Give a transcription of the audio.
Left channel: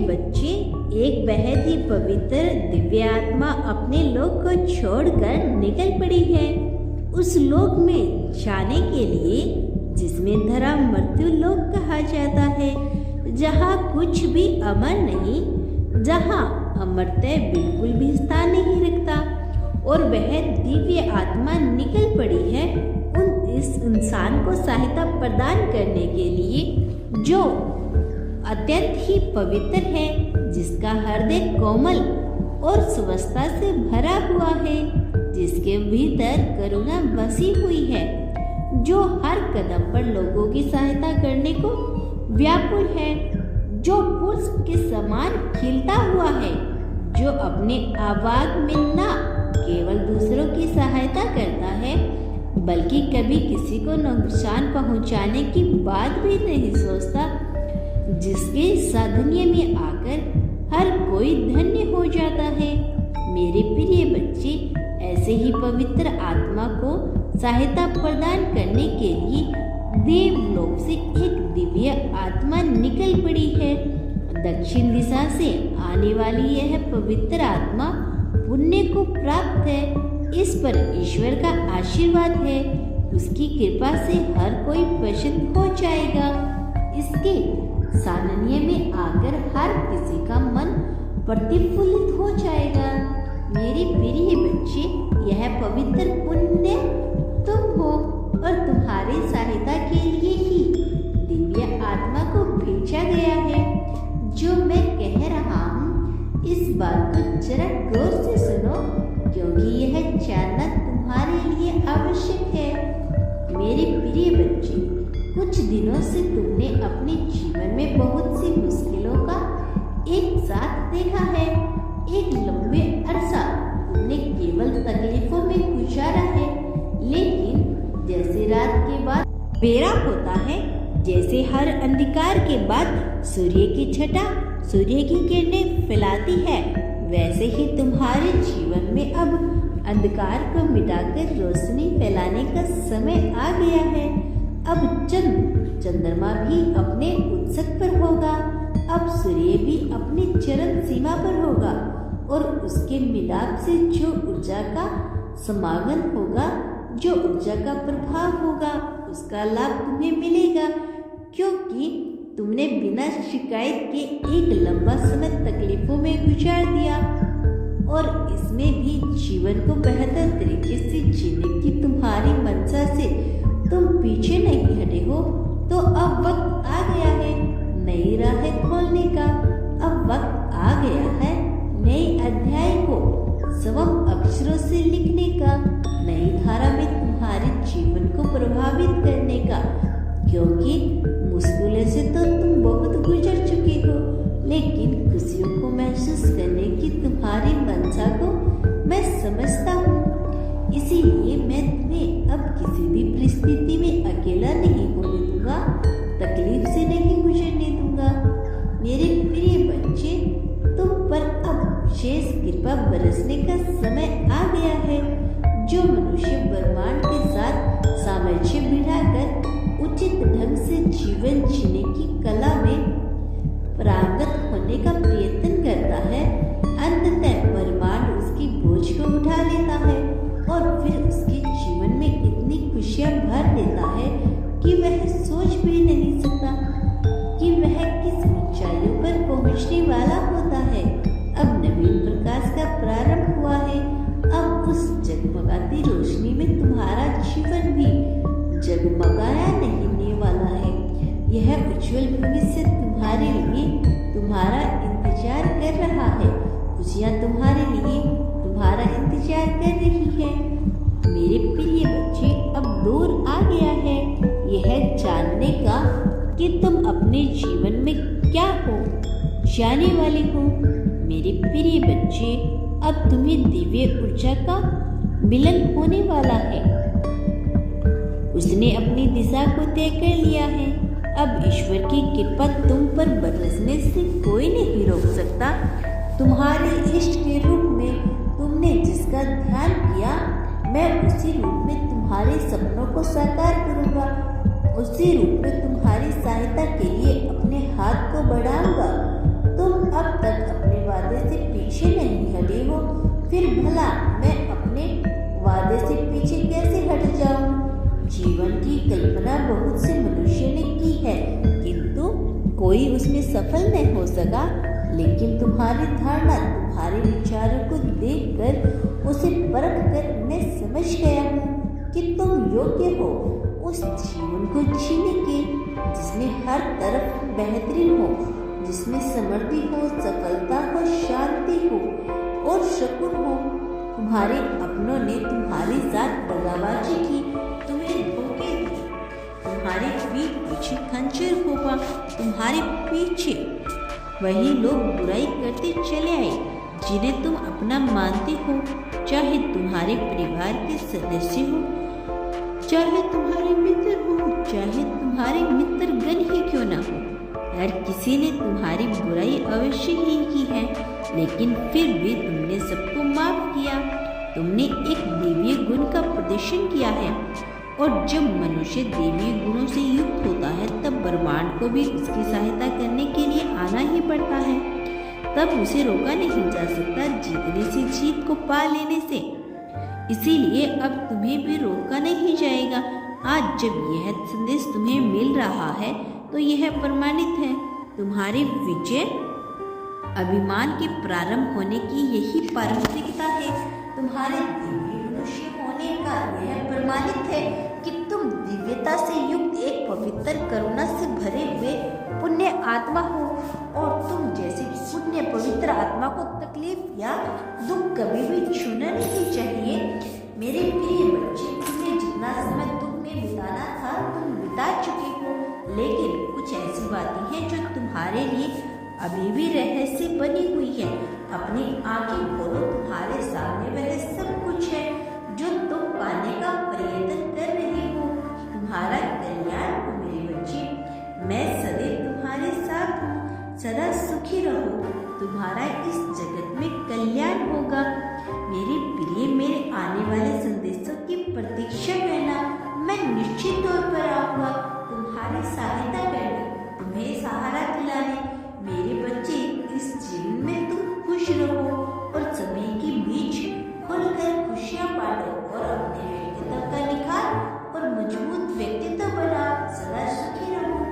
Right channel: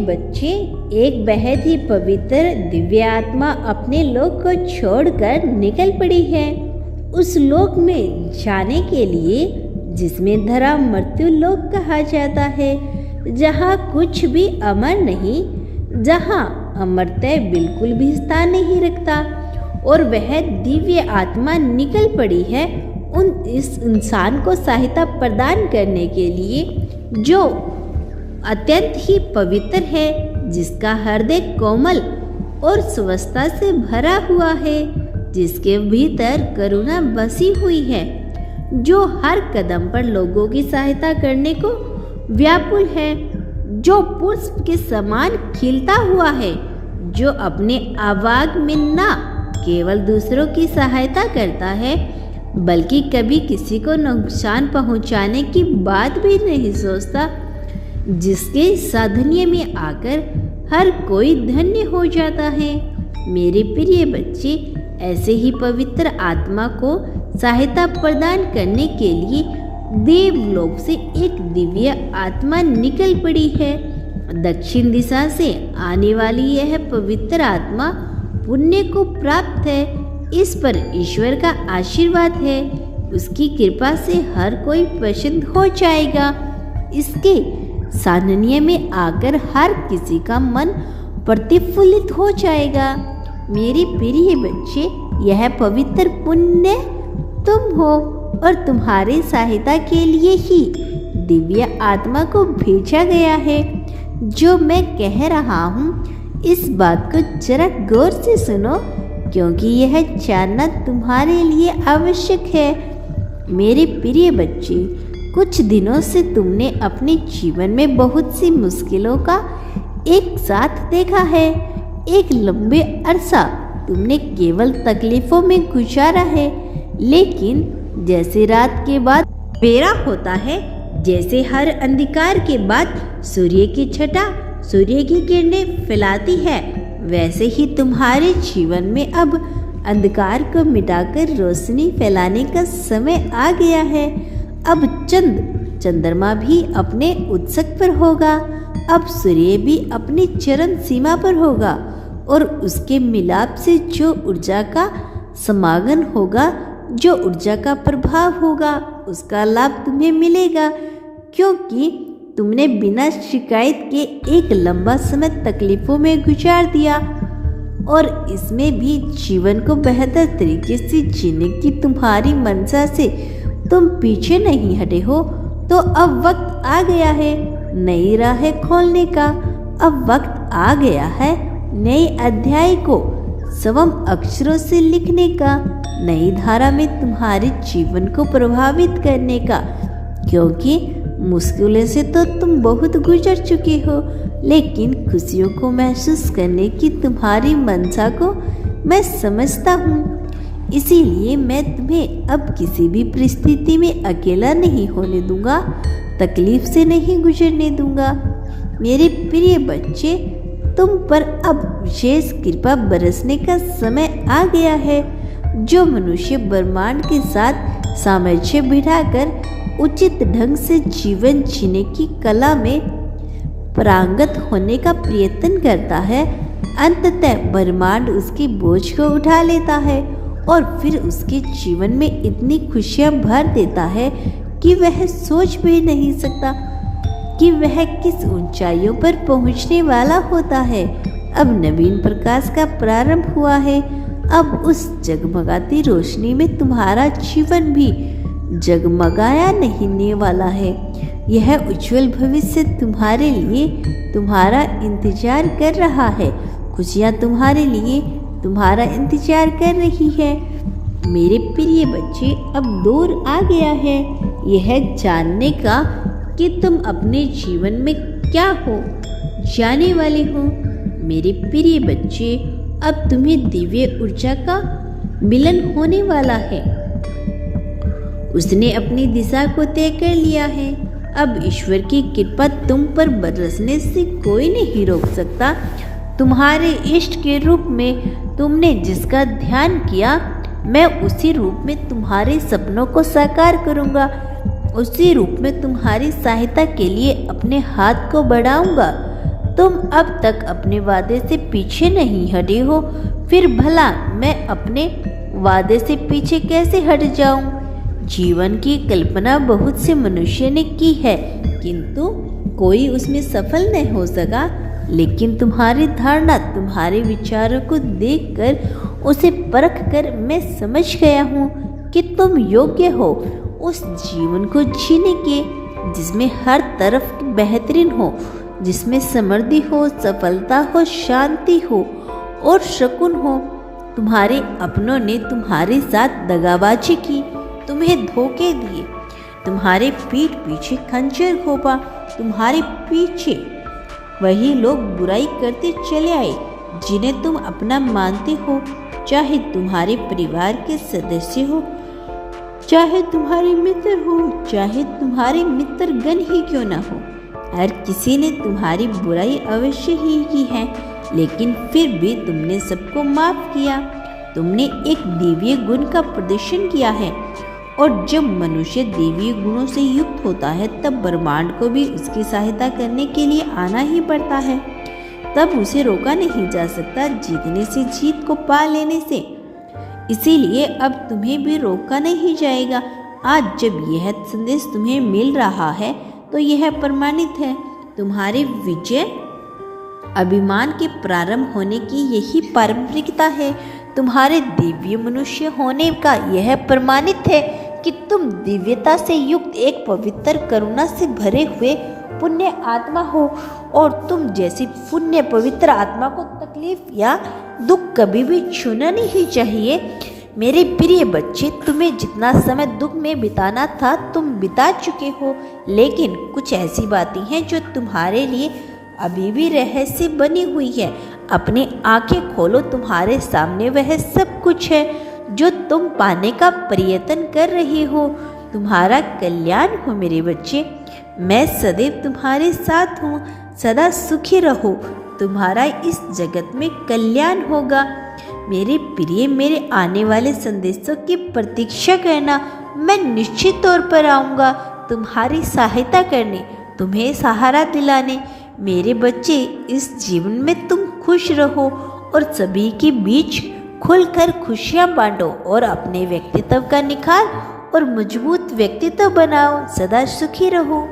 बच्चे, एक बेहद ही पवित्र दिव्य आत्मा अपने लोक को छोड़कर निकल पड़ी है उस लोक में जाने के लिए जिसमें धरा मृत्यु लोक कहा जाता है, जहाँ कुछ भी अमर नहीं, जहाँ अमरता बिल्कुल भी स्थान नहीं रखता। और वह दिव्य आत्मा निकल पड़ी है इस इंसान को सहायता प्रदान करने के लिए जो अत्यंत ही पवित्र है, जिसका हृदय कोमल और स्वस्थता से भरा हुआ है, जिसके भीतर करुणा बसी हुई है, जो हर कदम पर लोगों की सहायता करने को व्याकुल है, जो पुष्प के समान खिलता हुआ है, जो अपने आवाज में न केवल दूसरों की सहायता करता है बल्कि कभी किसी को नुकसान पहुंचाने की बात भी नहीं सोचता, जिसके साधुन्य में आकर हर कोई धन्य हो जाता है। मेरे प्रिय बच्चे, ऐसे ही पवित्र आत्मा को सहायता प्रदान करने के लिए देवलोक से एक दिव्य आत्मा निकल पड़ी है। दक्षिण दिशा से आने वाली यह पवित्र आत्मा पुण्य को प्राप्त है। इस पर ईश्वर का आशीर्वाद है। उसकी कृपा से हर कोई प्रसन्न हो जाएगा। इसके सानिध्य में आकर हर किसी का मन प्रतिफुल्लित हो जाएगा। मेरे प्रिय बच्चे, यह पवित्र पुण्य तुम हो और तुम्हारी सहायता के लिए ही दिव्य आत्मा को भेजा गया है। जो मैं कह रहा हूँ, इस बात को जरा गौर से सुनो, क्योंकि यह जानना तुम्हारे लिए आवश्यक है। मेरे प्रिय बच्चे, कुछ दिनों से तुमने अपने जीवन में बहुत सी मुश्किलों का एक साथ देखा है। एक लंबे अरसा तुमने केवल तकलीफों में गुजारा है, लेकिन जैसे रात के बाद बेरा होता है, जैसे हर अंधकार के बाद सूर्य की छटा सूर्य की किरणें फैलाती है, वैसे ही तुम्हारे जीवन में अब अंधकार को मिटाकर रोशनी फैलाने का समय आ गया है। अब चंद्रमा भी अपने उत्सक पर होगा। अब सूर्य भी अपनी चरम सीमा पर होगा और उसके मिलाप से जो ऊर्जा का समागम होगा, जो ऊर्जा का प्रभाव होगा, उसका लाभ तुम्हें मिलेगा, क्योंकि तुमने बिना शिकायत के एक लंबा समय तकलीफों में गुजार दिया और इसमें भी जीवन को बेहतर तरीके से जीने की तुम्हारी मंशा से तुम पीछे नहीं हटे हो। तो अब वक्त आ गया है नई राहें खोलने का। अब वक्त आ गया है नए अध्याय को स्वयं अक्षरों से लिखने का, नई धारा में तुम्हारे जीवन को प्रभावित करने का, क्योंकि मुश्किलों से तो तुम बहुत गुजर चुके हो, लेकिन खुशियों को महसूस करने की तुम्हारी मंशा को मैं समझता हूँ। इसीलिए मैं तुम्हें अब किसी भी परिस्थिति में अकेला नहीं होने दूंगा, तकलीफ से नहीं गुजरने दूंगा। मेरे प्रिय बच्चे, तुम पर अब विशेष कृपा बरसने का समय आ गया है। जो मनुष्य ब्रह्मांड के साथ सामंजस्य बिठाकर उचित ढंग से जीवन जीने की कला में पारंगत होने का प्रयत्न करता है, अंततः ब्रह्मांड उसके बोझ को उठा लेता है और फिर उसके जीवन में इतनी खुशियां भर देता है कि वह सोच भी नहीं सकता कि वह किस ऊंचाइयों पर पहुंचने वाला होता है। अब नवीन प्रकाश का प्रारंभ हुआ है। अब उस जगमगाती रोशनी में तुम्हारा जीवन भी जगमगाया नहीं वाला है। यह उज्जवल भविष्य तुम्हारे लिए तुम्हारा इंतजार कर रहा है। खुशियाँ तुम्हारे लिए तुम्हारा इंतजार कर रही है। मेरे प्रिय बच्चे, अब दौर आ गया है यह जानने का कि तुम अपने जीवन में क्या हो जाने वाले हो। मेरे प्रिय बच्चे, अब तुम्हें दिव्य ऊर्जा का मिलन होने वाला है। उसने अपनी दिशा को तय कर लिया है। अब ईश्वर की कृपा तुम पर बरसने से कोई नहीं रोक सकता। तुम्हारे इष्ट के रूप में तुमने जिसका ध्यान किया, मैं उसी रूप में तुम्हारे सपनों को साकार करूंगा। उसी रूप में तुम्हारी सहायता के लिए अपने हाथ को बढ़ाऊंगा। तुम अब तक अपने वादे से पीछे नहीं हटे हो, फिर भला मैं अपने वादे से पीछे कैसे हट जाऊं? जीवन की कल्पना बहुत से मनुष्य ने की है, किंतु कोई उसमें सफल नहीं हो सका। लेकिन तुम्हारी धारणा, तुम्हारे विचारों को देखकर, उसे परखकर मैं समझ गया हूँ कि तुम योग्य हो उस जीवन को जीने के जिसमें हर तरफ बेहतरीन हो, जिसमें समृद्धि हो, सफलता हो, शांति हो और सुकून हो। तुम्हारे अपनों ने तुम्हारे साथ दगाबाजी की, तुम्हें धोखे दिए, तुम्हारे पीठ पीछे खंजर घोंपा, तुम्हारे पीछे वही लोग बुराई करते चले आए जिन्हें तुम अपना मानते हो, चाहे तुम्हारे परिवार के सदस्य हो, चाहे तुम्हारे मित्र हो, चाहे तुम्हारे मित्रगण ही क्यों ना हो। हर किसी ने तुम्हारी बुराई अवश्य ही की है, लेकिन फिर भी तुमने सबको माफ किया। तुमने एक दैवीय गुण का प्रदर्शन किया है, और जब मनुष्य दैवीय गुणों से युक्त होता है तब ब्रह्मांड को भी उसकी सहायता करने के लिए आना ही पड़ता है। तब उसे रोका नहीं जा सकता जीतने से, जीत को पा लेने से। इसीलिए अब तुम्हें भी रोका नहीं जाएगा। आज जब यह संदेश तुम्हें मिल रहा है तो यह प्रमाणित है, तुम्हारी विजय अभिमान के प्रारंभ होने की यही पारंपरिकता है। तुम्हारे दिव्य मनुष्य होने का यह प्रमाणित है कि तुम दिव्यता से युक्त एक पवित्र करुणा से भरे हुए पुण्य आत्मा हो, और तुम जैसी पुण्य पवित्र आत्मा को तकलीफ या दुख कभी भी छूना नहीं चाहिए। मेरे प्रिय बच्चे, तुम्हें जितना समय दुख में बिताना था तुम बिता चुके हो, लेकिन कुछ ऐसी बातें हैं जो तुम्हारे लिए अभी भी रहस्य बनी हुई है। अपनी आंखें खोलो, तुम्हारे सामने वह सब कुछ है जो तुम पाने का प्रयत्न कर रहे हो। तुम्हारा कल्याण हो मेरे बच्चे। मैं सदैव तुम्हारे साथ हूँ, सदा सुखी रहो। तुम्हारा इस जगत में कल्याण होगा। मेरे प्रिय, मेरे आने वाले संदेशों की प्रतीक्षा करना। मैं निश्चित तौर पर आऊँगा तुम्हारी सहायता करने, तुम्हें सहारा दिलाने। मेरे बच्चे, इस जीवन में तुम खुश रहो और सभी के बीच खुलकर खुशियाँ बांटो और अपने व्यक्तित्व का निखार और मजबूत व्यक्तित्व बनाओ। सदा सुखी रहो।